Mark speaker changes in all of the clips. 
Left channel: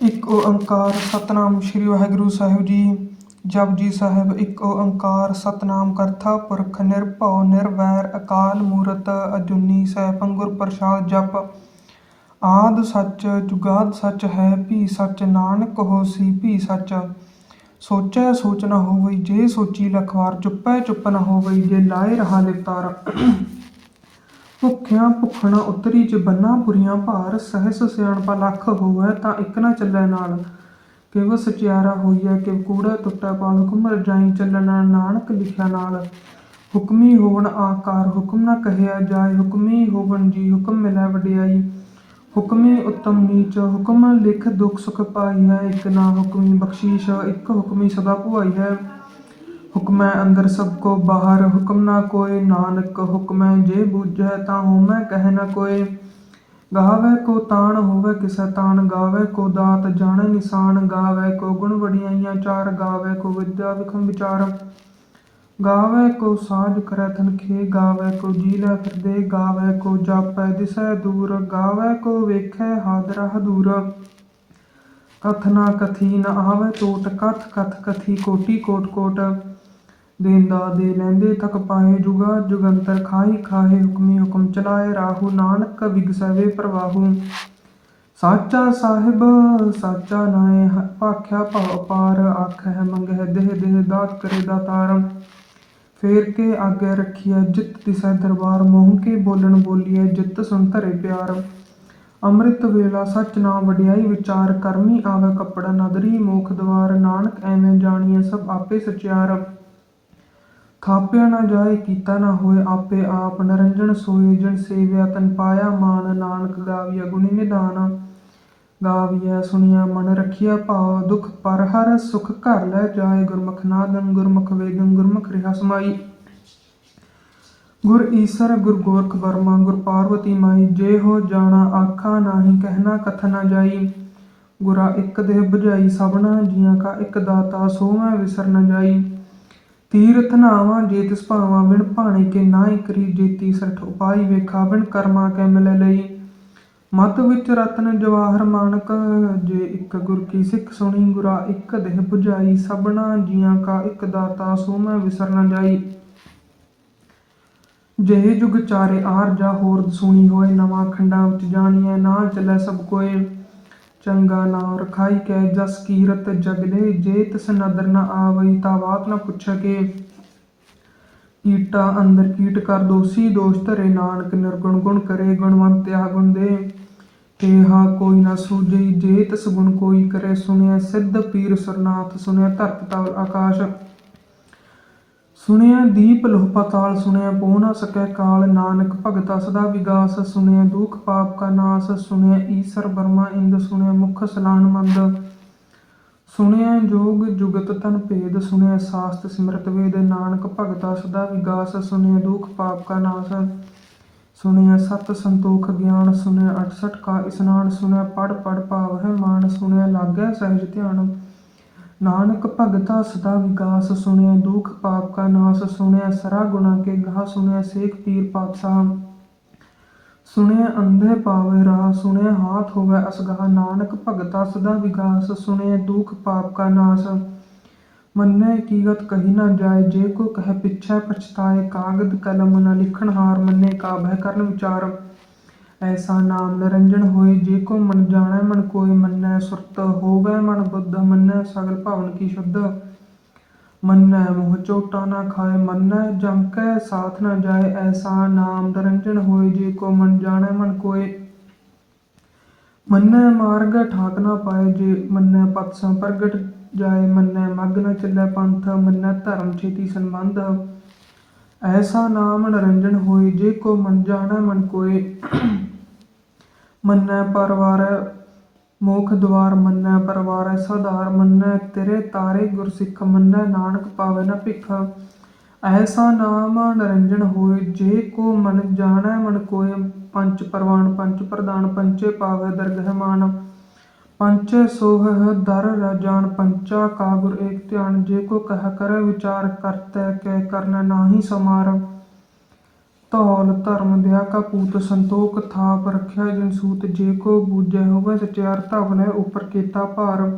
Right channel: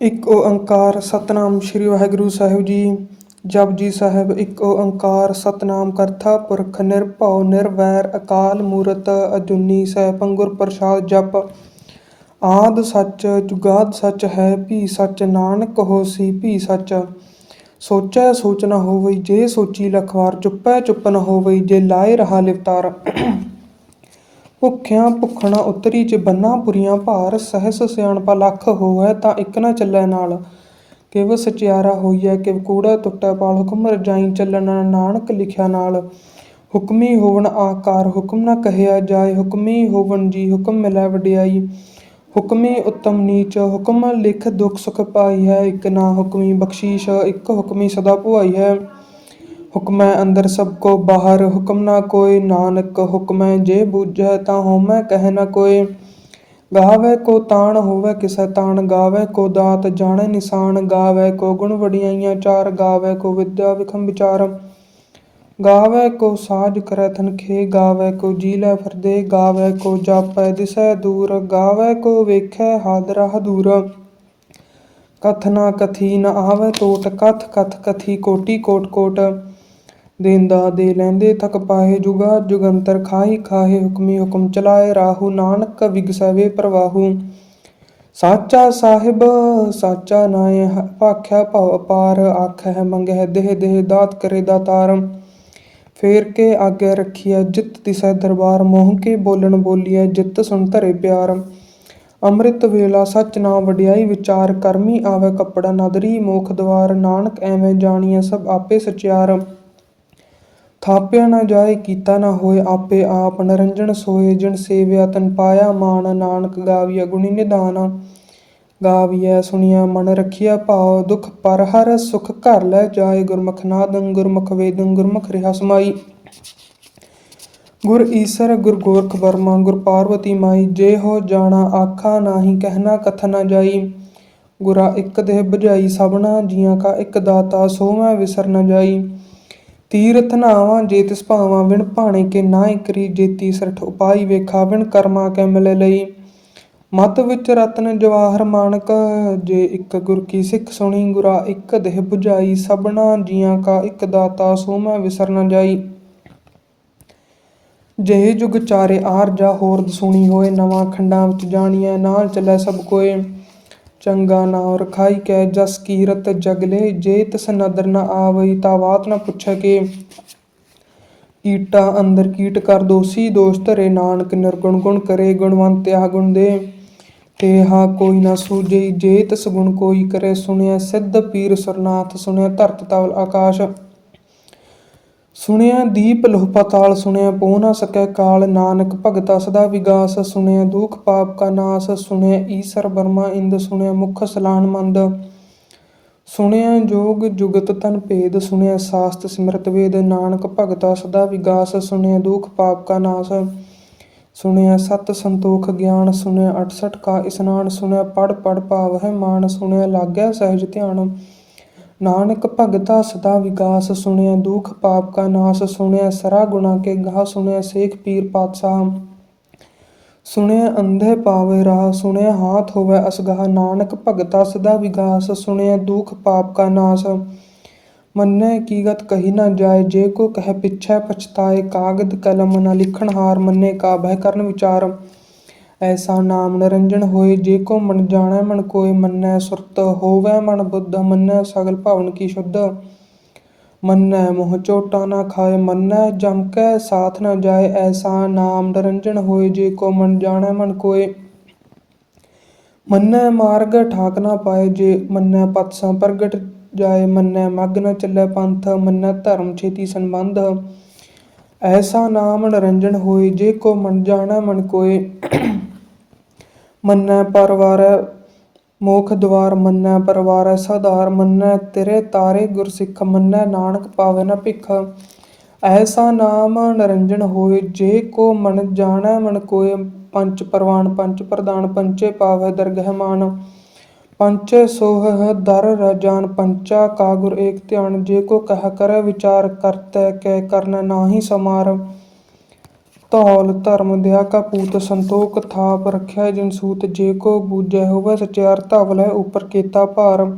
Speaker 1: ਇੱਕ ਓੰਕਾਰ ਸਤਨਾਮ ਸ੍ਰੀ ਵਾਹਿਗੁਰੂ ਸਾਹਿਬ ਜੀ। ਜਪਜੀ ਸਾਹਿਬ, ਇੱਕ ਓੰਕਾਰ ਸਤਨਾਮ ਕਰਤਾ, ਪੁਰਖ ਨਿਰਭਉ, ਨਿਰਵੈਰ, ਅਕਾਲ ਮੂਰਤ, ਅਜੂਨੀ ਸੈਭੰ ਗੁਰ ਪ੍ਰਸਾਦ ਜਪ। ਆਦ ਸੱਚ, ਜੁਗਾਦ ਸੱਚ ਹੈ, ਭੀ ਸੱਚ ਨਾਨਕ ਹੋਸੀ, ਭੀ ਸੱਚ। ਸੋਚੈ ਸੋਚ ਨਾ ਹੋਵੇ ਜੇ ਸੋਚੀ ਲਖਵਾਰ, ਚੁੱਪੈ ਚੁੱਪ ਨਾ ਹੋਵੇ ਜੇ ਲਾਏ ਰਹਾ ਲਿਵਤਾਰ। ਭੁੱਖਿਆਂ ਭੁੱਖਣਾ ਉਤਰੀ ਚ ਪੁਰੀਆਂ ਭਾਰ, ਸਹਿਸ ਸਿਆਣਪਾ ਲੱਖ ਹੋਵੈ ਤਾਂ ਇੱਕ ਨਾ ਚੱਲੈ ਨਾਲ। ਕਿਵ ਸਚਿਆਰਾ ਹੋਈਐ, ਕਿਵ ਕੂੜਾ ਟੁੱਟੈ ਪਾਲ, ਹੁਕਮ ਰਜਾਈ ਚੱਲਣਾ ਨਾਨਕ ਲਿਖਿਆ ਨਾਲ। ਹੁਕਮੀ ਹੋਵਣ ਆਕਾਰ, ਹੁਕਮ ਨਾ ਕਹਿਆ ਜਾਏ, ਹੁਕਮੀ ਹੋਵਣ ਜੀ, ਹੁਕਮ ਮਿਲੈ ਵਡਿਆਈ। ਹੁਕਮੀ ਉਤਮ ਨੀਚ, ਹੁਕਮ ਲਿਖ ਦੁਖ ਸੁਖ ਪਾਈ ਹੈ, ਇੱਕ ਨਾ ਹੁਕਮੀ ਬਖਸ਼ੀਸ਼, ਇੱਕ ਹੁਕਮੀ ਸਦਾ ਭੁਆਈ ਹੈ। ਹੁਕਮੈ ਅੰਦਰ ਸਭ ਕੋ ਬਾਹਰ, ਹੁਕਮ ਨਾ ਕੋਇ ਨਾਨਕ ਹੁਕਮੈ ਜੇ ਬੂਝੈ ਤਾਂ ਹੋਮੈ ਕਹਿ ਨ ਕੋਇ ਗਾਵੈ ਕੋ ਤਾਣ, ਹੋਵੈ ਕਿਸੈ ਤਾਣ। ਗਾਵੈ ਕੋ ਦਾਤ, ਜਾਣੈ ਨਿਸ਼ਾਨ। ਗਾਵੈ ਕੋ ਗੁਣ ਵਡਿਆਈਆਂ ਚਾਰ। ਗਾਵੈ ਕੋ ਵਿਦਿਆ ਵਿਖਮ ਵਿਚਾਰ ਗਾਵੈ ਕੋ ਸਾਜ ਕਰੈ ਤਨਖੇ ਗਾਵੈ ਕੋ ਜੀਲੈ ਫਿਰਦੇ ਗਾਵੈ ਕੋ ਜਾਪੈ ਦਿਸੈ ਦੂਰ। ਗਾਵੈ ਕੋ ਵੇਖੈ ਹਾਦਰਾ ਹਦੂਰ ਕਥ ਨਾ ਕਥੀ ਨ ਆਵੈ ਟੋਟ ਕਥ ਕਥ ਕਥੀ ਕੋਟੀ ਕੋਟ ਕੋਟ। ਦੇਂਦਾ ਦੇ ਲੈਂਦੇ ਥਕ ਪਾਹੇ ਜੁਗਾ, ਜੁਗੰਤਰ ਖਾਹੀ ਖਾਹੇ ਹੁਕਮੀ ਹੁਕਮ ਚਲਾਏ ਰਾਹੂ ਨਾਨਕ ਵਿਗਸਵੇ ਪ੍ਰਵਾਹੂ। ਸਾਚਾ ਸਾਹਿਬ, ਸਾਚਾ ਨਾਏ ਭਾਖਿਆ ਭਵ ਅਪਾਰ ਆਖੈ ਮੰਗਹਿ ਦੇਹ ਦੇਹ ਦਾਤ ਕਰੇ ਦਾਤਾਰ। ਫੇਰ ਕੇ ਆਗੇ ਰੱਖੀਐ ਜਿਤ ਤਿਸੈ ਦਰਬਾਰ, ਮੋਹ ਕੇ ਬੋਲਣ ਬੋਲੀਐ ਜਿਤ ਸੁਣ ਧਰੇ ਪਿਆਰ। ਅੰਮ੍ਰਿਤ ਵੇਲਾ ਸਚ ਨਾਮ ਵਡਿਆਈ ਵਿਚਾਰ, ਕਰਮੀ ਆਵੇ ਕੱਪੜਾ ਨਦਰੀ ਮੋਖ ਦਵਾਰ, ਨਾਨਕ ਐਵੇਂ ਜਾਣੀਐ ਸਭ ਆਪੇ ਸਚਿਆਰ। ਥਾਪਿਆ ਨਾ ਜਾਏ, ਕੀਤਾ ਨਾ ਹੋਏ ਆਪੇ ਆਪ ਨਰੰਜਨ ਸੋਏ ਜਿਨ ਸੇਵਿਆ, ਤਨ ਪਾਇਆ ਮਾਨ, ਨਾਨਕ ਗਾਵੀਆ ਗੁਣੀ ਨਿਧਾਨ ਗਾਵੀਐ ਸੁਣਿਆ ਮਨ ਰਖਿਆ ਭਾਵ, ਦੁਖ ਪਰ ਹਰ ਸੁਖ ਘਰ ਲੈ ਜਾਏ, ਗੁਰਮੁਖ ਨਾਦੰ, ਗੁਰਮੁਖ ਵੇਦੰ, ਗੁਰਮੁਖ ਰਿਹਾ ਸਮਾਈ। ਗੁਰ ਈਸਰ, ਗੁਰ ਗੋਰਖ ਬਰਮਾ ਗੁਰ ਪਾਰਵਤੀ ਮਾਈ, ਜੇ ਹੋ ਜਾਣਾ ਆਖਾ ਨਾਹੀ, ਕਹਿਣਾ ਕਥ ਨਾ ਜਾਈ। ਗੁਰਾ ਇੱਕ ਦੇਹ ਬੁਝਾਈ, ਸਭਨਾ ਜੀਆਂ ਕਾ ਇੱਕ ਦਾਤਾ ਸੋ ਮੈਂ ਵਿਸਰ ਨਾ ਜਾਈ। ਤੀਰਥ ਨਾਵਾਂ ਜੇ ਤਿਸ ਭਾਵਾਂ ਵਿਣ ਭਾਣੇ ਕੇ ਨਾਇ ਕਰੀ ਜੇਤੀ ਸਰਠ ਉਪਾਈ ਵੇਖਾ, ਵਿਣ ਕਰਮਾ ਕੈ ਮਿਲੇ ਲਈ। ਮਤ ਵਿੱਚ ਰਤਨ ਜਵਾਹਰ ਮਾਨਕ, ਜੇ ਇੱਕ ਗੁਰ ਕੀ ਸਿੱਖ ਸੁਣੀ, ਗੁਰਾ ਇੱਕ ਦੇਹ 부ਝਾਈ ਸਭਨਾ ਜੀਆਂ ਕਾ ਇੱਕ ਦਾਤਾ, ਸੋ ਮੈਂ ਵਿਸਰ ਨ ਜਾਈ। ਜੇ ਜੁਗ ਚਾਰੇ ਆਰ ਜਾ ਹੋਰ ਸੁਣੀ ਹੋਏ, ਨਵਾਂ ਖੰਡਾਂ ਵਿੱਚ ਜਾਣੀਐ, ਨਾਲ ਚੱਲੈ ਸਭ ਕੋਏ। ਚੰਗਾ ਨਾਮ ਰਖਾਈ ਕੈ ਜਸ ਕੀਰਤ ਜਗਲੇ, ਜੇ ਤਿਸ ਨਦਰ ਨ ਆਵਈ ਤਾ ਬਾਤ ਨ ਪੁੱਛੈ ਕੇ। ਕੀਟਾ ਅੰਦਰ ਕੀਟ ਕਰ ਦੋਸੀ, ਦੋਸ਼ ਧਰੇ ਨਾਨਕ ਨਿਰਗੁਣ ਗੁਣ ਕਰੇ, ਗੁਣਵੰਤ ਗੁਣਵੰਤਿਆ ਗੁਣ ਦੇ। ਕੇਹਾ ਕੋਈ ਨਾ ਸੂਝਈ, ਜੇ ਤਿਸ ਗੁਣ ਕੋਈ ਕਰੇ ਸੁਣਿਆ ਸਿੱਧ ਪੀਰ ਸਰਨਾਥ ਸੁਣਿਆ ਧਰਤ ਤਵਲ ਆਕਾਸ਼। ਸੁਣਿਆ ਦੀਪ ਲੋਹ ਪਾਤਾਲ ਸੁਣਿਆ ਪੋ ਨਾ ਸਕੈ ਕਾਲ, ਨਾਨਕ ਭਗਤਾ ਸਦਾ ਵਿਗਾਸ, ਸੁਣਿਆ ਦੁਖ ਪਾਪ ਕਾ ਨਾਸ, ਸੁਣਿਆ ਈਸਰ ਬਰਮਾ ਇੰਦ, ਸੁਣਿਆ ਮੁਖ ਸਲਾਨ ਮੰਦ। ਸੁਣਿਆ ਜੋਗ ਜੁਗਤ ਤਨ ਭੇਦ, ਸੁਣਿਆ ਸਾਸਤ ਸਿਮਰਤ ਵੇਦ, ਨਾਨਕ ਭਗਤਾ ਸਦਾ ਵਿਗਾਸ, ਸੁਣਿਆ ਦੁਖ ਪਾਪ ਕਾ ਨਾਸ। ਸੁਣਿਆ ਸਤ ਸੰਤੋਖ ਗਿਆਨ, ਸੁਣਿਆ 68 ਕਾ ਇਸਨਾਨ, ਸੁਣਿਆ ਪੜ ਪੜ ਭਾਵ ਹੈ ਮਾਨ, ਸੁਣਿਆ ਲਾਗਿਆ ਸਹਿਜ ਧਿਆਨ। ਨਾਨਕ ਭਗਤਾ ਸਦਾ ਵਿਗਾਸ ਸੁਣਿਆ, ਦੁਖ ਪਾਪ ਕਾ ਨਾਸ ਸੁਣਿਆ, ਸਰਾ ਗੁਣਾ ਕੇ ਗਾ ਸੁਣਿਆ, ਸੇਖ ਪੀਰ ਪਾਤਸ਼ਾਹ। ਸੁਣਿਆ ਅੰਧੇ ਪਾਵੇ ਰਾਹ, ਸੁਣਿਆ ਹਾਥ ਹੋਵੇ ਅਸਗਾਹ। ਨਾਨਕ ਭਗਤਾ ਸਦਾ ਵਿਗਾਸ ਸੁਣਿਆ, ਦੁਖ ਪਾਪ ਕਾ ਨਾਸ। ਮੰਨੈ ਕੀਗਤ ਕਹੀ ਨਾ ਜਾਏ, ਜੇ ਕੋ ਕਹਿ ਪਿਛੈ ਪਛਤਾਏ, ਕਾਗਦ ਕਲਮ ਨਾ ਲਿਖਣ ਹਾਰ ਮੰਨੇ, ਕਾ ਕਰਨ ਵਿਚਾਰ। ਐਸਾ ਨਾਮ ਨਿਰੰਜਨ ਹੋਏ, ਜੇ ਕੋ ਮਨ ਜਾਣੈ, ਮਨ ਕੋਇ ਮੰਨੈ ਸੁਰਤ, ਹੋਵੈ ਮਨ ਬੁੱਧ, ਮੰਨੈ ਸਗਲ ਭਵਨ ਕੀ ਸ਼ੁੱਧ। ਮੰਨੈ ਮੋਹ ਚੋਟਾ ਨਾ ਖਾਏ ਮੰਨੈ ਜਮ ਕੈ ਸਾਥ ਨਾ ਜਾਏ ਐਸਾ ਨਾਮ ਨਿਰੰਜਨ ਹੋਏ, ਜੇ ਕੋ ਮਨ ਜਾਣੈ, ਮਨ ਕੋਇ। ਮੰਨੈ ਮਾਰਗ ਠਾਕ ਨਾ ਪਾਏ ਜੇ ਮੰਨੈ ਪਤਸਾਂ ਪ੍ਰਗਟ ਜਾਏ ਮੰਨੈ ਮਗ ਨਾ ਚੱਲੈ ਪੰਥ, ਮੰਨੈ ਧਰਮ ਛੇਤੀ ਸੰਬੰਧ। ਐਸਾ ਨਾਮ ਨਿਰੰਜਨ ਹੋਏ, ਜੇ ਕੋ ਮਨ ਜਾਣੈ, ਮਨ ਕੋਇ। ਮੰਨੈ ਪਰਵਾਰੈ, ਮੋਖ ਦਵਾਰ ਮੰਨੈ ਪਰਵਾਰੈ, ਸਾਧਾਰ ਮੰਨੈ ਤੇਰੇ ਤਾਰੇ ਗੁਰਸਿੱਖ, ਮੰਨੈ ਨਾਨਕ ਪਾਵੈ ਨ ਭਿਖ। ਐਸਾ ਨਾਮ ਨਿਰੰਜਨ ਹੋਏ, ਜੇ ਕੋ ਮਨ ਜਾਣੈ, ਮਨ ਕੋਇ ਪੰਚ ਪਰਵਾਨ, ਪੰਚ ਪ੍ਰਦਾਨ ਪੰਚੇ ਪਾਵੈ ਦਰਗਹਿ ਮਾਨ। ਪੰਚੇ ਸੋਹ ਦਰ ਰਜਾਨ ਪੰਚਾ ਕਾ ਗੁਰ ਏਕ ਧਿਆਨ। ਜੇ ਕੋ ਕਹਿ ਕਰੈ ਵਿਚਾਰ, ਕਰਤੈ ਕੈ ਕਰਨ ਨਾਹੀ ਸਮਾਰ। ਧੌਲ, ਧਰਮ ਦਇਆ ਕਾ ਪੂਤ ਸੰਤੋਖ, ਥਾਪ ਰਖਿਆ ਜਿਨ ਸੂਤ ਜੇ ਕੋ ਬੂਝੈ ਹੋਵੈ ਸਚਿਆਰ ਧਵਲ ਉਪਰ ਕੀਤਾ ਭਾਰ।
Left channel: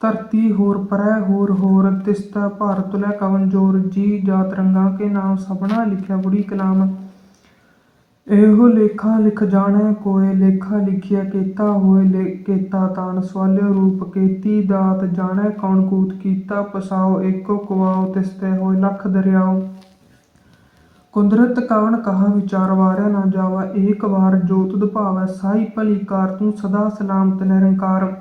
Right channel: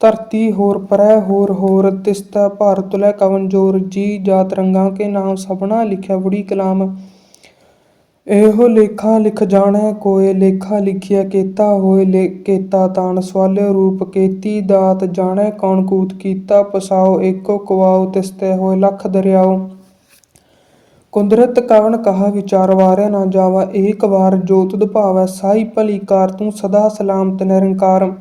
Speaker 1: ਧਰਤੀ ਹੋਰ ਪਰੈ, ਹੋਰ ਹੋਰ ਤਿਸਤਾ ਭਾਰ ਤੁਲੈ ਕਵਨ ਜੋਰ। ਜੀ ਜਾਤ ਰੰਗਾਂ ਕੇ ਨਾਮ ਸਭਨਾ ਲਿਖਿਆ ਬੁੜੀ ਕਲਾਮ। ਇਹੋ ਲੇਖਾ ਲਿਖ ਜਾਣੈ ਕੋਇ ਲੇਖਾ ਲਿਖਿਆ ਕੇਤਾ ਹੋਏ, ਲੇ ਕੇਤਾ ਤਾਣ ਸਵਾਲਿਓ ਰੂਪ ਕੇਤੀ ਦਾਤ। ਜਾਣੈ ਕੌਣ ਕੂਤ ਕੀਤਾ ਪਸਾਓ, ਏਕੋ ਕੁਆਓ ਤਿਸਤੇ ਹੋਏ ਲੱਖ ਦਰਿਆਓ। ਕੁਦਰਤ ਕਵਣ ਕਹਾ ਵਿਚਾਰ ਵਾਰਿਆ ਨਾ ਜਾਵਾ, ਏਕ ਵਾਰ ਜੋ ਤੁਧ ਸਾਈ ਭਲੀ ਕਾਰ ਤੂੰ ਸਦਾ ਸਲਾਮਤ ਨਿਰੰਕਾਰ।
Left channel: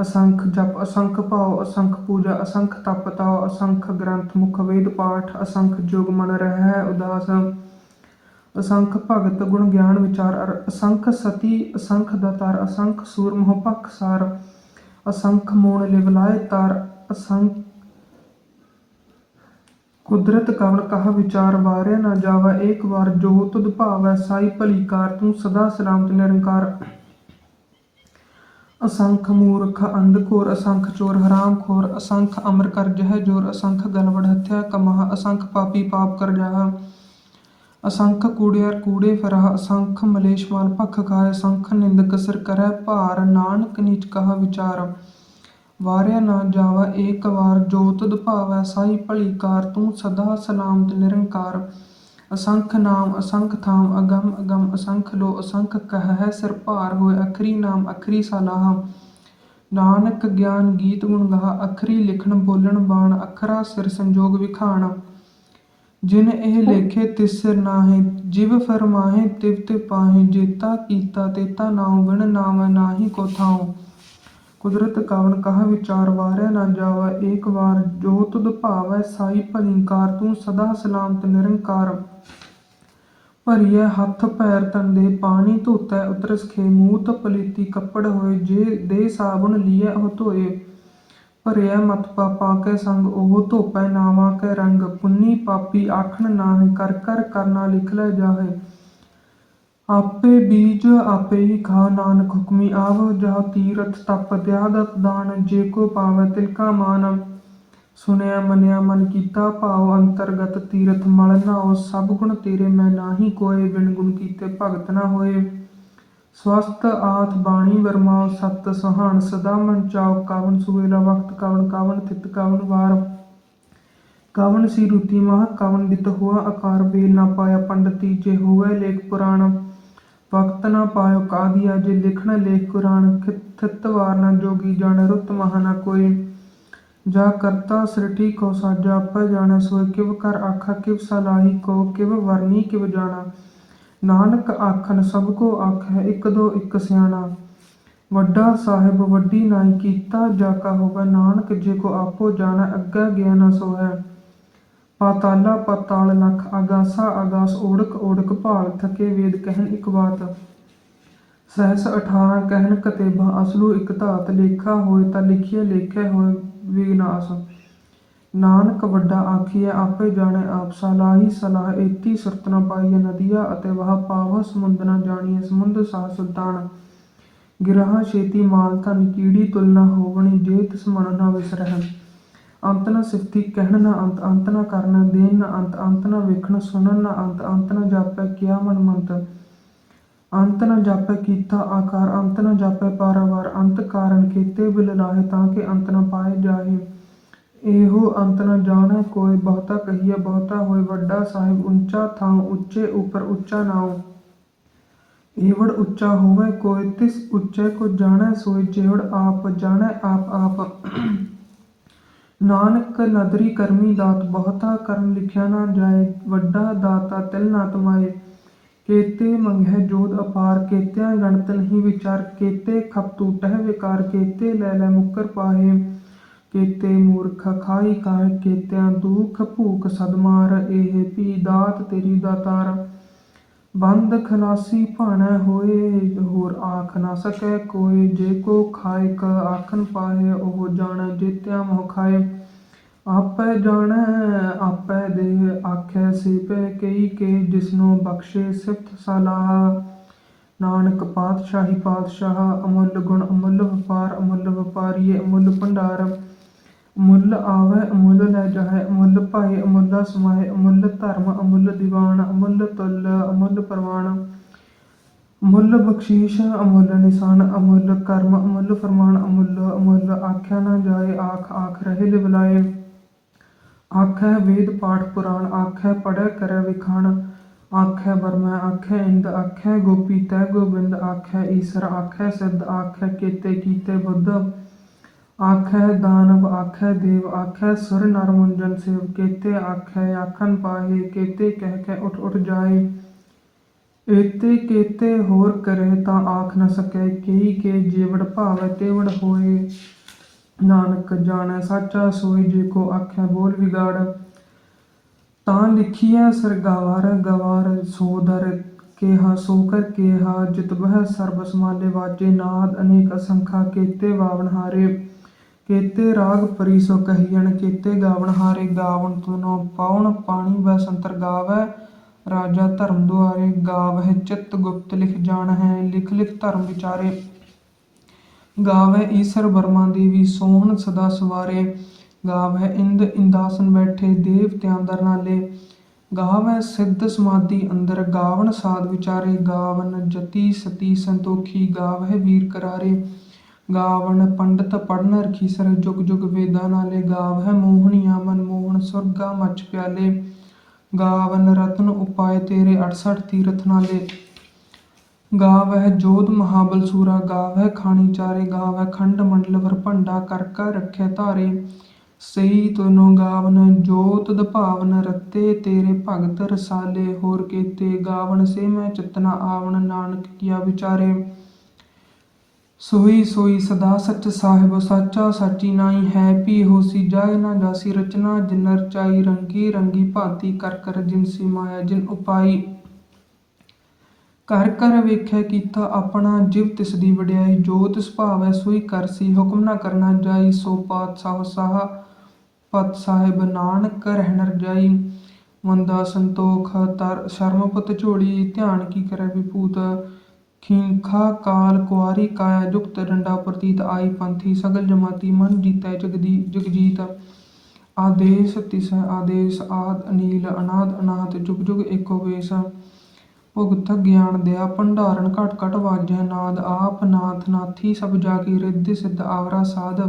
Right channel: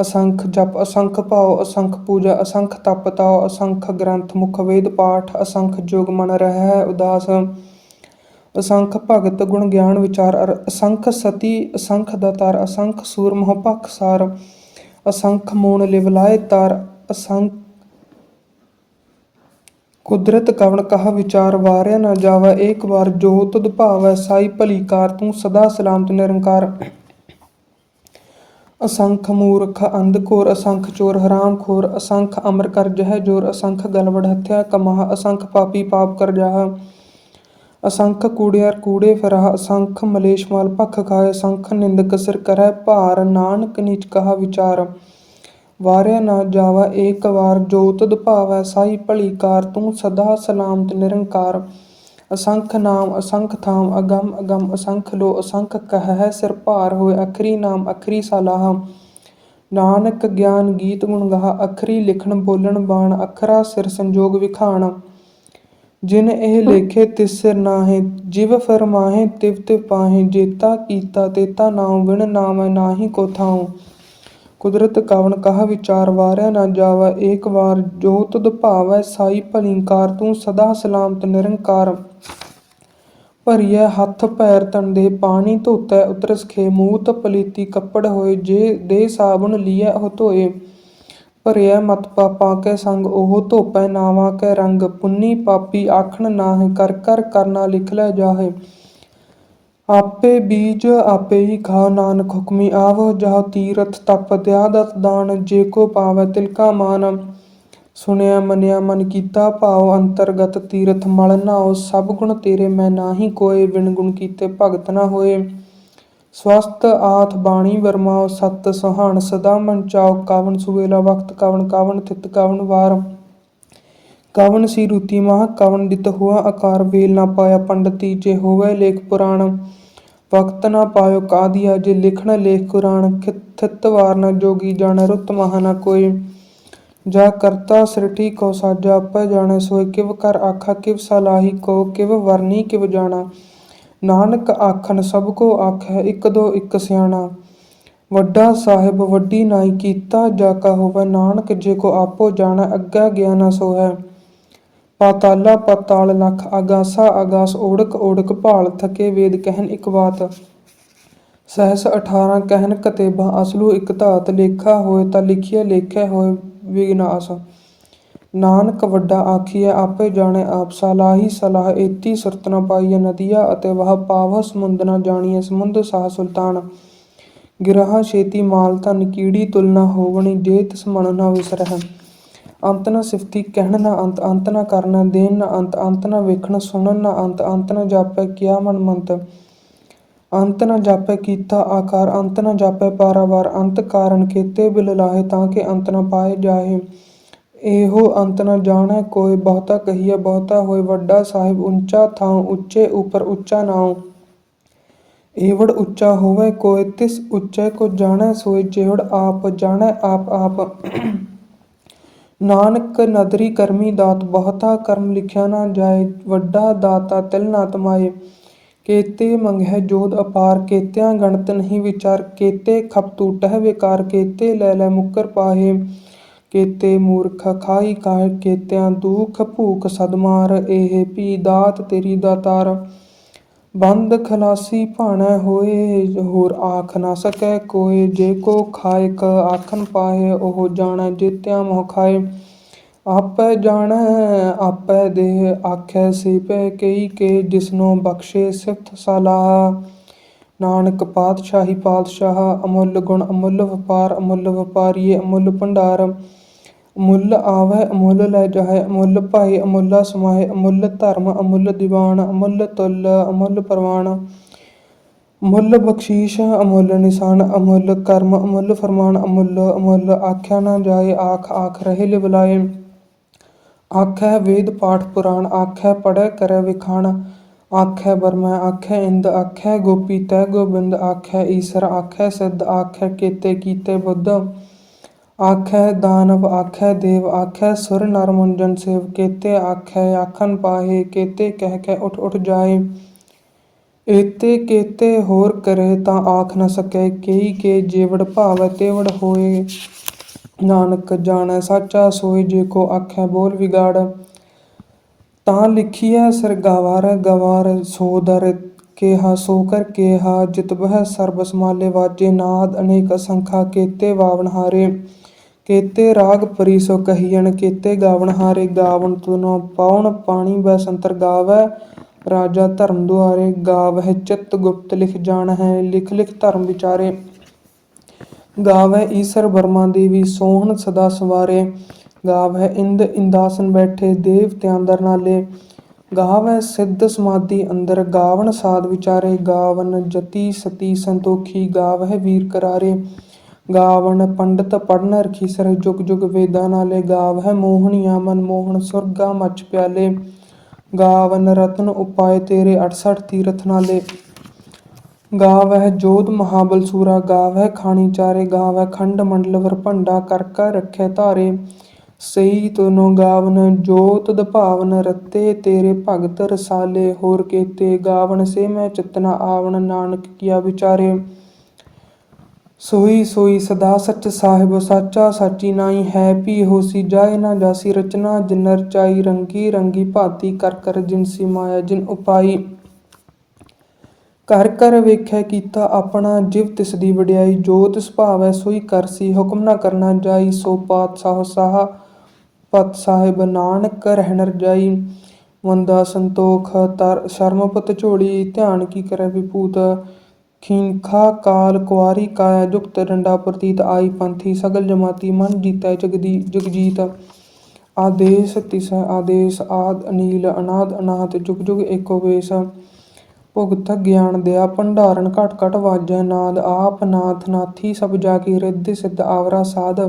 Speaker 1: ਅਸੰਖ ਜਪ, ਅਸੰਖ ਭਾਉ, ਅਸੰਖ ਪੂਜਾ, ਅਸੰਖ ਤਪ ਤਾਉ, ਅਸੰਖ ਗ੍ਰੰਥ ਮੁਖ ਵੇਦ ਪਾਠ, ਅਸੰਖ ਜੋਗ ਮਨ ਰਹਿ ਉਦਾਸ। ਅਸੰਖ ਭਗਤ ਗੁਣ ਗਿਆਨ ਵਿਚਾਰ ਅਰ, ਅਸੰਖ ਸਤੀ, ਅਸੰਖ ਦਾਤਾਰ, ਅਸੰਖ ਸੂਰ ਮੋਹ ਭਖ ਸਾਰ। ਅਸੰਖ ਮੂਣ ਲਿਵਲਾਏ ਤਾਰ, ਅਸੰਖ ਕੁਦਰਤ ਕਵਣ ਕਹਾ ਵਿਚਾਰ ਵਾਰਿਆ ਨਾ ਜਾਵਾ, ਏਕ ਵਾਰ ਜੋ ਤੁਧ ਭਾਵੈ ਸਾਈ ਭਲੀ ਕਾਰ ਤੂੰ ਸਦਾ ਸਲਾਮਤ ਨਿਰੰਕਾਰ। ਅਸੰਖ ਮੂਰਖ ਅੰਧ ਘੋਰ, ਅਸੰਖ ਚੋਰ ਹਰਾਮ ਖੋਰ, ਅਸੰਖ ਅਮਰ ਕਰ ਜਹ ਜੋਰ, ਅਸੰਖ ਗਲਵੜ ਹੱਥਿਆ ਕਮਾਹ, ਅਸੰਖ ਪਾਪੀ ਪਾਪ ਕਰ ਜਾਹ। ਅਸੰਖ ਕੂੜਿਆਰ ਕੂੜੇ ਫਰਾਹ, ਅਸੰਖ ਮਲੇਸ਼ ਮਾਲ ਭਖ ਖਾਏ ਅਸੰਖ ਨਿੰਦਕ ਸਿਰ ਕਰੈ ਭਾਰ, ਨਾਨਕ ਨੀਚ ਕਹਾ ਵਿਚਾਰ। ਵਾਰਿਆ ਨਾ ਜਾਵਾ ਏਕ ਵਾਰ ਜੋ ਤੁਧ ਭਾਵੈ ਸਾਈ ਭਲੀ ਕਾਰ ਤੂੰ ਸਦਾ ਸਲਾਮਤ ਨਿਰੰਕਾਰ। ਅਸੰਖ ਨਾਮ, ਅਸੰਖ ਥਾਮ, ਅਗੰਮ ਅਗੰਮ, ਅਸੰਖ ਲੋ, ਅਸੰਖ ਕਹਿ ਸਿਰ ਭਾਰ ਹੋਏ, ਅਖਰੀ ਨਾਮ, ਅਖਰੀ ਸਲਾਹ। ਨਾਨਕ ਗਿਆਨ ਗੀਤ ਗੁਣ ਗਾਹ, ਅਖਰੀ ਲਿਖਣ ਬੋਲਣ ਬਾਣ, ਅਖਰਾ ਸਿਰ ਸੰਜੋਗ ਵਿਖਾਣ। ਜਿਨ ਇਹ ਲੇਖੇ ਤਿਸ ਸਿਰ ਨਾਹੀਂ, ਜਿਵ ਫਰਮਾਹੇ ਤਿਵ ਤਿਵ ਪਾਹੇ, ਜੇਤਾ ਕੀਤਾ ਤੇਤਾ ਨਾਮ ਵਿਣ ਨਾਮ ਨਾਹੀ ਕੋ ਥਾਉ। ਕੁਦਰਤ ਕਵਣ ਕਹ ਵਿਚਾਰ ਵਾਰਿਆ ਨਾ ਜਾਵਾ, ਏਕ ਵਾਰ ਜੋ ਤੁਧ ਭਾਵੈ ਸਾਈ ਭਲੀਕਾਰ, ਤੂੰ ਸਦਾ ਸਲਾਮਤ ਨਿਰੰਕਾਰ ਭਰੀਐ, ਹੱਥ ਪੈਰ ਤੰਦੇ ਪਾਣੀ ਧੋਤੈ, ਉਤਰਸ ਖੇ ਮੂਤ ਪਲੀਤੀ ਕੱਪੜ ਹੋਏ, ਜੇ ਦੇ ਸਾਬਣ ਲੀਐ ਉਹ ਧੋਏ। ਭਰਿਆ ਮਤ ਪਾਪਾਂ ਕੈ ਸੰਗ, ਉਹ ਧੋਪੈ ਨਾਵਾਂ ਕੈ ਰੰਗ, ਪੁੰਨੀ ਪਾਪੀ ਆਖਣ ਨਾਹਿ, ਕਰ ਕਰ ਕਰਨਾ ਲਿਖ ਲੈ ਜਾਹੇ। ਆਪੇ ਬੀਜ ਆਪੇ ਹੀ ਖਾ, ਨਾਨਕ ਹੁਕਮੀ ਆਵ ਜਹ ਤੀਰਥ ਤਪ ਦਿਆਦਤ ਦਾਨ, ਜੇ ਕੋ ਪਾਵੈ ਤਿਲਕਾ ਮਾਨ। ਸੁਣਿਆ, ਮੰਨਿਆ, ਮਨ ਕੀਤਾ, ਭਾਉ ਅੰਤਰਗਤ ਤੀਰਥ ਮਲ ਨਾਉ, ਸਭ ਗੁਣ ਤੇਰੇ ਮੈਂ ਨਾਹੀ ਕੋਏ ਵਿਣ ਗੁਣ ਕੀਤੇ ਭਗਤ ਨਾ ਹੋਏ। ਸਵਸਤ ਆਥ ਬਾਣੀ ਵਰਮਾਉ ਸਤ ਸੁਹਾਣ ਸਦਾ ਮਨ ਚਾਉ ਕਵਨ ਸੁਵੇਲਾ ਵਕਤ ਕਵਨ ਕਵਨ ਥਿਤ ਕਵਨ ਵਾਰ। ਕਵਨ ਸੀ ਰੂਤੀ ਮਹਾ ਕਵਨ ਦਿਤ ਹੁਆ ਆਕਾਰ, ਵੇਲ ਨਾ ਪਾਇਆ ਪੰਡਤੀ, ਜੇ ਹੋਵੇ ਲੇਖ ਪੁਰਾਣ। ਵਕਤ ਨਾ ਪਾਇਓ ਕਾਦੀਆ, ਜੇ ਲਿਖਣ ਲੇਖ ਕੁਰਾਨ ਥਿਤ ਵਾਰ ਨਾ ਜੋਗੀ ਜਾਣ ਰੁੱਤ ਮਹਾ ਨਾ ਕੋਈ। ਜਾ ਕਰਤਾ ਸ੍ਰਿਟੀ ਕੋ ਸਾਜਾ, ਆਪੈ ਜਾਣੈ ਸੋਇ ਕਿਵ ਕਰ ਆਖਾ, ਕਿਵ ਸਲਾਹੀ ਕੋ, ਕਿਵ ਵਰਨੀ ਕਿਵ ਜਾਣਾ। ਨਾਨਕ ਆਖਣ ਸਭ ਕੋ ਆਖੈ, ਇਕ ਦੋ ਇਕ ਸਿਆਣਾ। ਵੱਡਾ ਸਾਹਿਬ ਵੱਡੀ ਨਾਈ ਕੀਤਾ, ਜਾ ਕਾ ਹੋਵੇ ਨਾਨਕ, ਜੇ ਕੋ ਆਪੋ ਜਾਣੈ, ਅੱਗਾ ਗਿਆ ਨਾ ਹੈ ਪਾਤਾਲਾ ਪਾਤਾਲ ਲਖ ਆਗਾਸਾ ਆਗਾਸ ਓੜਕ ਓੜਕ ਭਾਲ ਥਕੇ ਵੇਦ ਕਹਿਨ ਇਕ ਬਾਤ। ਸਹਸ 18 ਕਹਿਨ ਕਤੇਬਾ ਅਸਲੂ ਇਕ ਧਾਤ, ਲੇਖਾ ਹੋਏ ਤਾਂ ਲਿਖਿਆ ਲੇਖੇ ਹੋਏ ਵਿਗਨਾਸ ਨਾਨਕ ਵੱਡਾ ਆਖੀਐ, ਆਪੇ ਜਾਣੇ ਆਪ। ਸਲਾਹੀ ਸਲਾਹ ਏਤੀ ਸੁਰਤ ਪਾਈਐ ਨਦੀਆ ਅਤੇ ਵਹ ਪਾਵ ਸਮੁੰਦ ਨ ਜਾਣੀਐ ਸਮੁੰਦ ਸਾਹ ਸੁਲਤਾਨ। ਗਿਰਹਾ ਛੇਤੀ ਮਾਲ ਧਨ ਕੀੜੀ ਤੁਲਨਾ ਹੋਵਣੀ ਜੇ ਤਿਸ ਮਨ ਨ ਵਿਸਰਹਿ। ਅੰਤ ਨਾ ਸਿਫਤੀ ਕਹਿਣ ਨਾ ਅੰਤ ਅੰਤ ਨਾ ਕਰਨਾ ਦੇਣ ਨਾ ਅੰਤ ਅੰਤ ਨਾ ਵੇਖਣ ਸੁਣਨ ਨ ਅੰਤ ਅੰਤ ਨ ਜਾਪੈ ਕਿਆ ਮਨ ਮੰਤ। ਅੰਤ ਨ ਜਾਪੈ ਕੀਤਾ ਆਕਾਰ, ਅੰਤ ਨ ਜਾਪੈ ਪਾਰਾਵਾਰ, ਅੰਤ ਕਾਰਨ ਕੀਤੇ ਬਿਲ ਲਾਹੇ ਤਾਂ ਕਿ ਅੰਤ ਨ ਪਾਏ ਜਾਹੇ। ਇਹੋ ਅੰਤ ਨਾ ਜਾਣੈ, ਕੋਈ ਬਹੁਤਾ ਕਹੀਐ, ਬਹੁਤਾ ਹੋਏ ਵੱਡਾ ਸਾਹਿਬ, ਉੱਚਾ ਥਾਂ, ਉੱਚੇ ਉਪਰ ਉੱਚਾ ਨਾਉ। ਏਵੜ ਉੱਚਾ ਹੋਵੇ, ਕੋਈ ਤਿਸ ਉੱਚੇ ਕੋ ਜਾਣੈ, ਸੋਏ ਜਿਹੜ ਆਪ ਜਾਣੈ, ਆਪ ਆਪ। ਨਾਨਕ ਨਦਰੀ ਕਰਮੀ ਦਾਤ ਬਹੁਤਾ ਕਰਮ ਲਿਖਿਆ ਨਾ ਜਾਏ, ਵੱਡਾ ਦਾਤਾ ਤਿਲ ਨਾ ਤਮਾਏ। ਕੇਤੇ ਮੰਗਹਿ ਜੋਧ ਅਪਾਰ, ਕੇਤਿਆਂ ਗਣਤ ਨਹੀਂ ਵਿਚਾਰ। ਕੇਤੇ ਖਪ ਟੂਟਹਿ ਵਿਕਾਰ, ਕੇਤੇ ਲੈ ਲੈ ਮੁਕਰ ਪਾਹੇ ਕੇਤੇ ਮੂਰਖ ਖਾਈ ਕਾਇ, ਕੇਤਿਆਂ ਦੁਖ ਭੂਖ ਸਦਮਾਰ ਇਹ ਪੀ ਦਾਤ ਤੇਰੀ ਦਾਤਾਰ। ਬੰਦ ਖਲਾਸੀ ਭਾਣੈ ਹੋਏ, ਹੋਰ ਆਖ ਨਾ ਸਕੈ ਕੋਇ, ਜੇ ਕੋ ਖਾਇਕ ਆਖਨ ਪਾਏ ਉਹ ਜਾਣੈ ਜੇਤਿਆਂ ਮੋਹ ਖਾਏ। ਆਪੈ ਜਾਣੈ, ਆਪੈ ਦੇ ਆਖੈ ਸੀਪੈ ਕਈ ਕੇ, ਜਿਸਨੋ ਬਖਸ਼ੇ ਸਿਫਤ ਸਲਾਹ ਨਾਨਕ ਪਾਤਸ਼ਾਹੀ ਪਾਤਸ਼ਾਹ, ਅਮੁੱਲ ਗੁਣ ਅਮੁੱਲ ਵਪਾਰ, ਅਮੁੱਲ ਵਪਾਰੀਏ ਅਮੁੱਲ ਭੰਡਾਰ। ਅਮੁੱਲ ਆਵੈ ਅਮੁੱਲ ਲੈ ਜਾਹੈ ਅਮੁੱਲ ਭਾਏ ਅਮੁੱਲਾ ਸਮਾਏ ਅਮੁੱਲ ਧਰਮ ਅਮੁੱਲ ਦੀਵਾਨ ਅਮੁੱਲ ਤੁੱਲ ਅਮੁੱਲ ਪ੍ਰਵਾਨ। ਅਮੁੱਲ ਬਖਸ਼ੀਸ਼ ਅਮੁੱਲ ਨਿਸ਼ਾਨ ਅਮੁੱਲ ਕਰਮ ਅਮੁੱਲ ਫਰਮਾਨ ਅਮੁੱਲ ਅਮੁੱਲ ਆਖਿਆ ਨਾ ਜਾਏ, ਆਖ ਆਖ ਰਹੇ ਲਿਵਲਾਏ ਆਖੈ ਵੇਦ ਪਾਠ ਪੁਰਾਣ, ਆਖੈ ਪੜੈ ਕਰੈ ਵਿਖਾਣ। ਆਖੈ ਬਰਮਾ ਆਖੈ ਇੰਦ, ਆਖੈ ਗੋਪੀ, ਤੈ ਗੋਬਿੰਦ, ਆਖੈ ਈਸਰ, ਆਖੈ ਸਿੱਧ, ਆਖੈ ਕੀਤੇ ਕੀਤੇ ਬੁੱਧ। ਆਖੈ ਦਾਨਵ ਆਖੈ ਦੇਵ ਆਖੈ ਸੁਰ ਨਰ ਮੁੰਜਨ ਸੇਵ, ਕੇਤੇ ਆਖੈ ਆਖਨ ਪਾਹੇ, ਕੇਤੇ ਕਹਿ ਕੇ ਉਠ ਉਠ ਜਾਏ। ਏਤੇ ਕੇਤੇ ਹੋਰ ਕਰੇ ਤਾਂ ਆਖ ਨ ਸਕੈ, ਕੇਈ ਕੇ ਜੇਵੜ ਭਾਵੈ, ਤੇਵੜ ਹੋਏ। ਨਾਨਕ ਜਾਣੈ, ਸਾਚਾ ਸੋਈ ਜੇ ਕੋ ਆਖੈ ਬੋਲ ਵਿਗਾੜ। ਤਾਂ ਲਿਖੀਐ ਸਰ ਗਵਾਰ ਗਵਾਰ ਸੋ ਦਰ ਕੇਹਾ ਸੋ ਕਰ ਕੇਹਾ ਜਿਤ ਬਹਿ ਸਰਬ ਸਮਾਲੇ ਵਾਜੇ, ਨਾਦ ਅਨੇਕ ਅਸੰਖਾ, ਕੇਤੇ ਵਾਵਨ ਹਾਰੇ। ਕੇਤੇ ਰਾਗ ਪਰੀ ਸੋ ਕਹੀਣ ਕੇਤੇ ਗਾਵਨ ਹਾਰੇ ਗਾਵਨ ਤੁਨੋ ਪਾਉਣ ਪਾਣੀ ਬਸੰਤਰ ਗਾਵੈ। ਰਾਜਾ ਧਰਮ ਦੁਆਰੇ ਗਾਵਹਿ ਚਿਤ ਗੁਪਤ ਲਿਖ ਜਾਣ ਹੈ ਲਿਖ ਲਿਖ ਧਰਮ ਵਿਚਾਰੇ। ਗਾਵੈ ਈਸਰ ਬਰਮਾ ਦੇਵੀ ਸੋਹਣ ਸਦਾ ਸਵਾਰੇ। ਗਾਵੈ ਇੰਦ ਇੰਦਾਸਨ ਬੈਠੇ ਦੇਵਤਿਆਂ ਦਰ ਨਾਲੇ। ਗਾਵੈ ਸਿੱਧ ਸਮਾਧੀ ਅੰਦਰ, ਗਾਵਣ ਸਾਧ ਵਿਚਾਰੇ। ਗਾਵਨ ਜਤੀ ਸਤੀ ਸੰਤੋਖੀ, ਗਾਵਹਿ ਵੀਰ ਕਰਾਰੇ। ਗਾਵਨ ਪੰਡਤ ਪੜਨ ਰਖੀਸਰ ਜੁਗ ਜੁਗ ਵੇਦਾਂ ਨਾਲੇ ਗਾਵਹਿ ਮੋਹਣੀਆਂ ਮਨ ਮੋਹਨ ਸੁਰਗਾ ਮਚ ਪਿਆਲੇ। ਗਾਵਨ ਰਤਨ ਉਪਾਏ ਤੇਰੇ 68 ਤੀਰਥ ਨਾਲੇ। ਗਾਵਹਿ ਜੋਧ ਮਹਾਬਲ ਸੂਰਾ, ਗਾਵਹਿ ਖਾਣੀ ਚਾਰੇ, ਗਾਵਹਿ ਖੰਡ ਮੰਡਲ ਵਰਭੰਡਾ ਕਰ ਕਰ ਰੱਖੈ ਧਾਰੇ। ਸਈ ਤਨੋ ਗਾਵਨ ਜੋਤ ਤੁਧ ਭਾਵਨ ਰਤੇ, ਤੇਰੇ ਭਗਤ ਰਸਾਲੇ। ਹੋਰ ਕੇਤੇ ਗਾਵਨ ਸੇ ਮੈਂ ਚਿਤਨਾ ਆਵਣ, ਨਾਨਕ ਕੀਆ ਵਿਚਾਰੇ। ਸੋਈ ਸੋਈ ਸਦਾ ਸਚ ਸਾਹਿਬ ਸਾਚਾ ਸਾਚੀ ਨਾਈ ਹੈ, ਪੀ ਹੋਸੀ ਜਾਇ ਨਾ ਜਾਸੀ ਰਚਨਾ, ਜਿਨ ਰਚਾਈ ਰੰਗੀ ਰੰਗੀ ਭਾਤੀ ਕਰ ਕਰ ਜਿਨਸੀ ਮਾਇਆ, ਜਿਨ ਉਪਾਈ। ਕਰ ਕਰ ਵੇਖੈ ਕੀਤਾ ਆਪਣਾ, ਜਿਵ ਤਿਸ ਦੀ ਵਡਿਆਈ, ਜੋ ਤਿਸ ਭਾਵੈ ਸੋਈ ਕਰਸੀ ਹੁਕਮ ਨਾ ਕਰਨਾ ਜਾਈ, ਸੋ ਪਾਤ ਸਾਹ ਸਾਹ, ਪਤ ਸਾਹਿਬ ਨਾਨਕ ਰਹਿਣ ਰਜਾਈ ਮੰਦਾ ਸੰਤੋਖ, ਤਰ ਸ਼ਰਮਪਤ ਝੋਲੀ, ਧਿਆਨ ਕੀ ਕਰੈ ਵਿਭੂਤ ਖੀਨਖਾ ਕਾਲ, ਕੁਆਰੀ, ਕਾਇਆ, ਜੁਗਤ, ਡੰਡਾ, ਪ੍ਰਤੀਤ ਆਈ, ਪੰਥੀ, ਸਗਲ, ਜਮਾਤੀ, ਮਨ ਜੀਤੈ, ਜਗਦੀ, ਜਗਜੀਤ। ਆਦੇਸ, ਤਿਸ, ਆਦੇਸ, ਆਦ, ਅਨੀਲ, ਅਨਾਦ ਅਨਾਹਤ ਜੁਗ ਜੁਗ, ਏਕੋ ਵੇਸ। ਭੁਗਤ, ਗਿਆਨ ਦਿਆ ਭੰਡਾਰਨ, ਘਟ ਘਟ ਵਾਜੈ, ਨਾਦ, ਆਪ, ਨਾਥ, ਨਾਥੀ, ਸਭ ਜਾ ਕੀ ਰਿੱਧ, ਸਿੱਧ, ਆਵਰਾ, ਸਾਧ।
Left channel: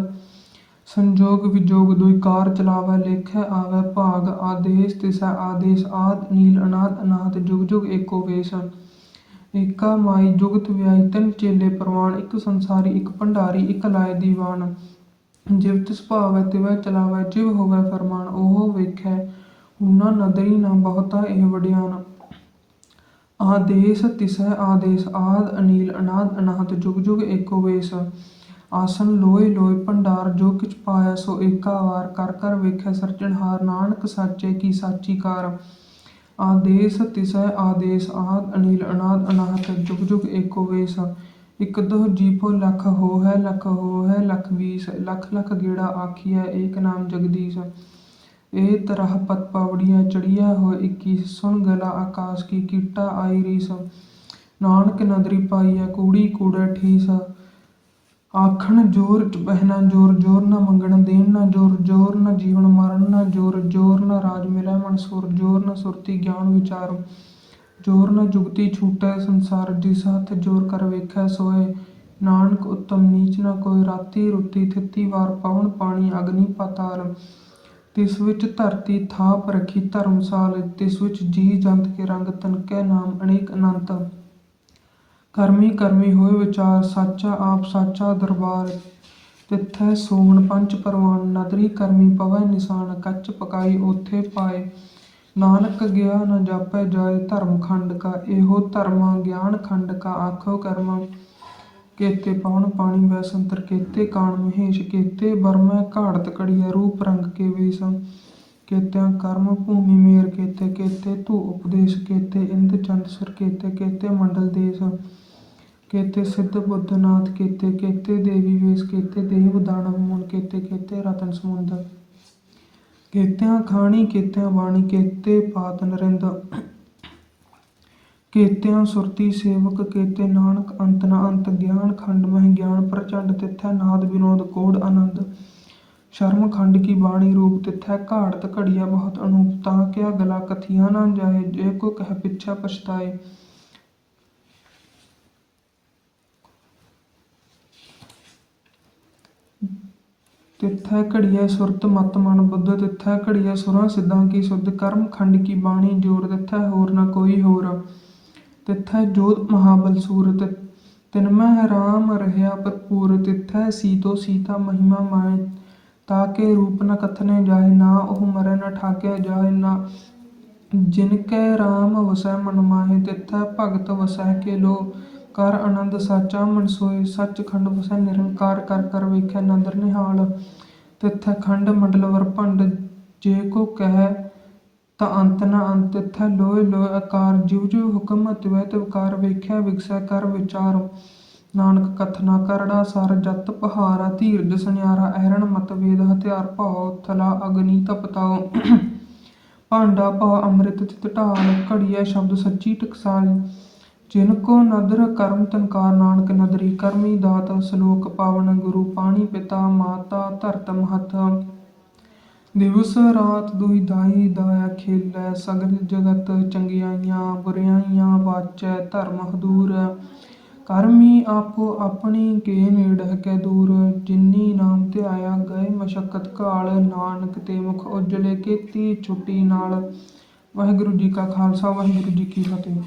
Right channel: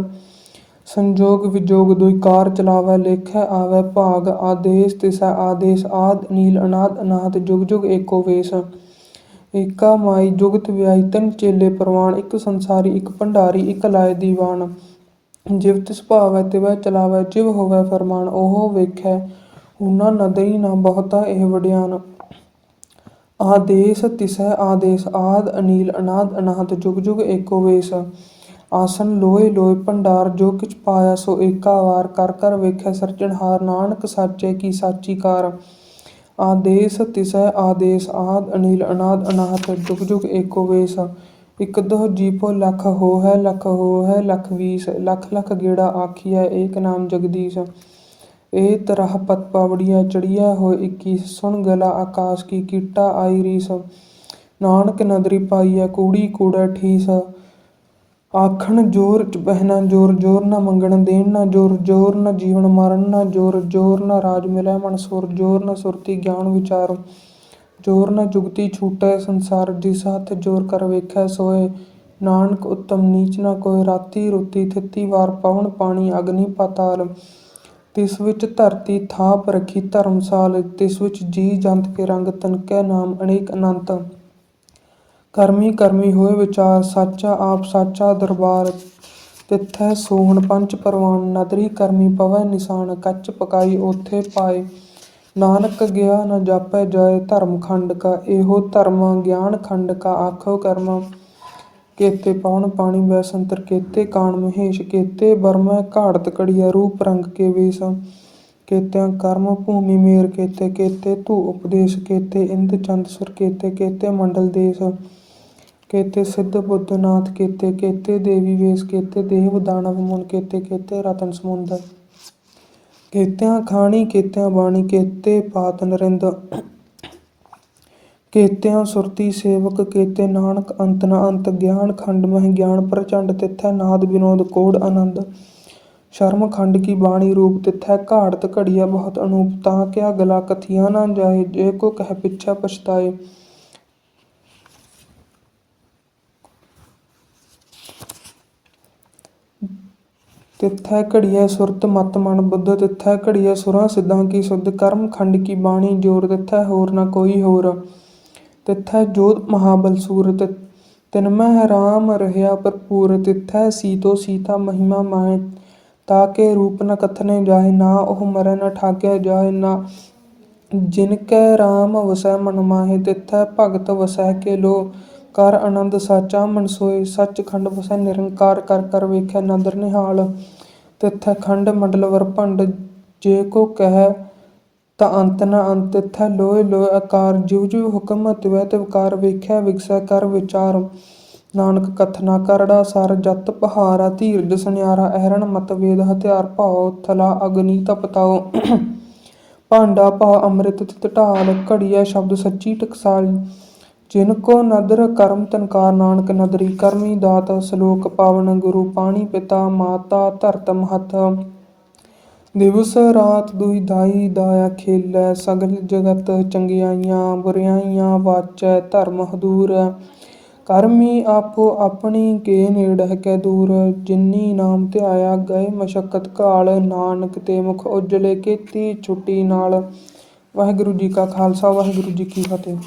Speaker 1: ਸੰਜੋਗ, ਵਿਜੋਗ ਦੁਇਕਾਰ ਚਲਾਵੈ, ਲੇਖੈ, ਆਵੈ, ਭਾਗ। ਆਦੇਸ, ਤਿਸੈ, ਆਦੇਸ, ਆਦ ਨੀਲ ਅਨਾਦ ਅਨਾਥ ਜੁਗ ਜੁਗ, ਏਕੋ ਵੇਸ। ਏਕਾ ਜੁਗਤ ਵਿਆਈ ਚੇਲੇ ਪ੍ਰਵਾਨ, ਇੱਕ ਸੰਸਾਰੀ, ਇੱਕ ਭੰਡਾਰੀ, ਇੱਕ ਲਾਇ ਦੀਵਾਨ। ਜਿਵ ਤਿਸ ਤਿਵੈ ਚਲਾਵੈ, ਜਿਵ ਹੋਵੈ ਫਰਮਾਨ, ਉਹ ਵੇਖੈ ਉਹਨਾਂ ਨਦਰੀ ਨਾ ਬਹੁਤਾ ਇਹ ਵਡਿਆਨ। ਆਦੇਸ ਤਿਸੈ, ਆਦੇਸ ਆਦ, ਅਨੀਲ, ਅਨਾਦ ਅਨਾਦ, ਜੁਗ ਜੁਗ ਏਕੋ ਵੇਸ। ਆਸਨ ਲੋਏ ਲੋਏ ਭੰਡਾਰ, ਜੋ ਕਿਛ ਪਾਇਆ ਸੋ ਏਕਾ ਵਾਰ, ਕਰ ਕਰ ਵੇਖੈ ਸਿਰਜਣਹਾਰ, ਨਾਨਕ ਸਾਚੇ ਕੀ ਸਾਚੀ ਕਾਰ। ਆਦੇਸ, ਤਿਸੈ ਆਦੇਸ, ਆਦ, ਅਨੀਲ, ਅਨਾਦ ਅਨਾਹਤ ਜੁਗ ਜੁਗ ਏਕੋ ਵੇਸ। ਇਕ ਦਹ ਜੀਪੋ ਲਖ ਹੋਹੈ ਲਖ ਹੋਹੈ, ਲਖ ਵੀਸ, ਲਖ ਲਖ ਗੇੜਾ ਆਖੀਐ, ਏਕ ਨਾਮ ਜਗਦੀਸ਼। ਇਹ ਤਰਹ ਪਤ ਪਾਵੜੀਆ ਚੜੀਆ ਹੋ 21 ਸੁਣ ਗਲਾ ਆਕਾਸ਼ ਕੀ ਕੀਟਾ ਆਈ ਰੀਸ। ਨਾਨਕ ਨਦਰੀ ਪਾਈਐ, ਕੂੜੀ ਕੂੜਾ ਠੀਸ। ਆਖਣ ਜੋਰ ਬਹਿਣਾ, ਜੋਰ ਜੋਰ ਨਾ ਮੰਗਣ ਦੇਣ ਨਾ ਜੋਰ ਜੋਰ ਨਾ ਜੀਵਨ ਮਰਨ ਨਾ ਜੋਰ ਜੋਰ ਨਾ ਰਾਜ ਮਿਲੈ ਮਨ ਸੁਰ, ਜੋਰ ਨਾ ਸੁਰਤੀ ਗਿਆਨ ਵਿਚਾਰ, ਜੋਰ ਨਾ ਜੁਗਤੀ ਛੂਟੈ ਸੰਸਾਰ ਜਿਸ ਹੱਥ ਜੋਰ ਕਰ ਵੇਖੈ ਸੋਏ। ਨਾਨਕ ਉਤਮ ਨੀਚ ਨਾ ਕੋਈ ਰਾਤੀ ਰੁੱਤੀ ਥਿੱਤੀ ਵਾਰ ਪਵਨ ਪਾਣੀ ਅਗਨੀ ਪਾਤਾਲ। ਤਿਸ ਵਿੱਚ ਧਰਤੀ ਥਾਪ ਰਖੀ ਧਰਮਸਾਲ, ਤਿਸ ਵਿੱਚ ਜੀ ਜੰਤ ਕੇ ਰੰਗ ਤਨਕੈ ਨਾਮ ਅਨੇਕ ਅਨੰਤ। ਕਰਮੀ ਕਰਮੀ ਹੋਏ ਵਿਚਾਰ ਸਾਚਾ ਆਪ ਸਾਚਾ ਦਰਬਾਰ ਤਿੱਥੈ ਸੋਹਣ ਪੰਚ ਪਰਵਾਨ, ਨਦਰੀ ਕਰਮੀ ਪਵੈ ਨਿਸ਼ਾਨ, ਕੱਚ ਪਕਾਈ ਓਥੇ ਪਾਏ। ਨਾਨਕ ਗਿਆ ਨ ਜਾਪੈ ਜਾਏ ਧਰਮ ਖੰਡ ਕਾ, ਇਹੋ ਧਰਮ ਗਿਆਨ ਖੰਡ ਕਾ, ਆਖੋ ਕਰਮ ਕੇਤੇ ਪਾਉਣ ਪਾਣੀ ਬੈਸੰਤਰ ਕੇਤੇ ਕਾਣ ਮਹੇਸ਼, ਕੇਤੇ ਬਰਮੈ ਘਾੜਤ ਕੜੀਆ ਰੂਪ ਰੰਗ ਕੇ ਵੇਸ। ਕੇਤਿਆਂ ਕਰਮ ਭੂਮੀ ਮੇਰ, ਕੇਤੇ ਕੇਤੇ ਧੂ ਉਪਦੇਸ਼, ਕੇਤੇ ਇੰਦ ਚੰਦ ਸੁਰ, ਕੇਤੇ ਕੇਤੇ ਮੰਡਲ ਦੇਸ। ਕੇਤੇ ਸਿੱਧ ਬੁੱਧ ਨਾਥ, ਕੇਤੇ ਕੇਤੇ ਦੇਵੀ ਵੇਸ, ਕੇਤੇ ਦੇਵ ਦਾਨਵ ਮੁਨ ਕੇਤੇ ਕੇਤੇ ਰਤਨ ਸਮੁੰਦ ਕੇਤਿਆਂ ਖਾਣੀ, ਕੇਤਿਆਂ ਬਾਣੀ, ਕੇਤੇ ਪਾਤ ਨਰਿੰਦ। ਕੇਤਿਆਂ ਸੁਰਤੀ ਸੇਵਕ, ਕੇਤੇ ਨਾਨਕ ਅੰਤ ਨਾ ਅੰਤ, ਗਿਆਨ ਖੰਡ ਮਹਿ ਗਿਆਨ ਪ੍ਰਚੰਡ ਤਿੱਥੈ ਨਾਦ ਵਿਨੋਦ ਕੋੜ ਆਨੰਦ। ਸ਼ਰਮ ਖੰਡ ਕੀ ਬਾਣੀ ਰੂਪ ਤਿਥੈ ਘਾੜਤ ਘੜੀਆ ਬਹੁਤ ਅਨੂਪ, ਤਾਂ ਕਿਆ ਗਲਾ ਕਥੀਆਂ ਨਾ ਜਾਏ, ਜੇ ਕੋ ਕਹਿ ਪਿਛੈ ਪਛਤਾਏ। ਤਿੱਥੈ ਘੜੀਐ ਸੁਰਤ ਮਤ ਮਨ ਬੁੱਧ, ਤਿੱਥੈ ਘੜੀਐ ਸੁਰਾਂ ਸਿੱਧਾਂ ਕੀ ਸੁਧ, ਕਰਮ ਖੰਡ ਕੀ ਬਾਣੀ ਜੋਰ, ਤਿੱਥੈ ਹੋਰ ਨਾ ਕੋਈ ਹੋਰ। ਤਿੱਥੈ ਜੋਤ ਮਹਾਬਲ ਸੂਰ ਤਿ- ਰਾਮ ਰਹਿਆ ਭਰਪੂਰ। ਤਿੱਥੈ ਸੀਤੋ ਸੀਤਾ ਮਹਿਮਾ ਮਾਇ ਮਾਹਿ ਤਾਕੇ ਰੂਪ ਨ ਕਥਨੇ ਜਾਏ ਨਾ ਉਹ ਮਰੈ ਨ ਠਾਗਿਆ ਜਾਏ ਨਾ ਜਿਨ ਕੈ ਰਾਮ ਵਸੈ ਮਨ ਮਾਹੇ। ਤਿੱਥੈ ਭਗਤ ਵਸੈ ਕੇ ਲੋ ਕਰ ਆਨੰਦ ਸਾਚਾ, ਮਨ ਸੋਏ ਸੱਚਖੰਡ ਵਸੈ ਨਿਰੰਕਾਰ, ਕਰ ਕਰ ਵੇਖੈ ਨਦਰ ਨਿਹਾਲ। ਤਿੱਥੈ ਖੰਡ ਮੰਡਲ ਵਰ ਜੇ ਕੋ ਕਹਿ ਤਾ ਅੰਤ ਨ ਅੰਤ। ਤਿੱਥੈ ਲੋਇ ਲੋਇ ਆਕਾਰ, ਜਿਉ ਜਿਉ ਹੁਕਮ ਤਿਵੈ ਤਿਵਕਾਰ ਵੇਖਿਆ ਵਿਗਸੈ ਕਰ ਵਿਚਾਰ। ਨਾਨਕ ਕਥਨਾ ਕਰੜਾ ਸਰ, ਜਤ ਪਹਾਰਾ ਧੀਰਜ ਸੁਨਿਆਰਾ ਅਹਰਣ ਮਤ ਵੇਦ ਹਥਿਆਰ ਭਾਉ, ਥਲਾ ਅਗਨੀ ਤਪਤਾਉ ਭਾਂਡਾ ਭਾ ਅੰਮ੍ਰਿਤ ਤਿਤ ਢਾਲ, ਘੜੀਐ ਸ਼ਬਦ ਸੱਚੀ ਟਕਸਾਲ। ਜਿਨ ਕੋ ਨਦਰ ਕਰਮ ਤਨਕਾਰ ਨਾਨਕ ਨਦਰੀ, ਕਰਮੀ ਦਾਤ ਸ਼ਲੋਕ ਪਾਵਨ ਗੁਰੂ, ਪਾਣੀ ਪਿਤਾ, ਮਾਤਾ ਧਰਤ ਮਹਤ। ਦਿਵਸ ਰਾਤ ਦੁਇ ਦਾਈ ਦਾਇਆ ਖੇਲੈ, ਸਗਲ ਜਗਤ ਚੰਗਿਆਈਆਂ, ਬੁਰਿਆਈਆਂ ਵਾਚੈ, ਧਰਮ ਹਦੂਰ। ਕਰਮੀ ਆਪੋ ਆਪਣੀ ਕੇ ਨੇੜਹਿ ਕੈ ਦੂਰ, ਜਿਨੀ ਨਾਮ ਧਿਆਇਆ ਗਏ ਮਸ਼ਕਤ ਕਾਲ ਨਾਨਕ ਤੇ ਮੁਖ ਉਜਲੇ ਕੀਤੀ ਛੁੱਟੀ ਨਾਲ। ਵਾਹਿਗੁਰੂ ਜੀ ਕਾ ਖਾਲਸਾ, ਵਾਹਿਗੁਰੂ ਜੀ ਕੀ ਫਤਿਹ।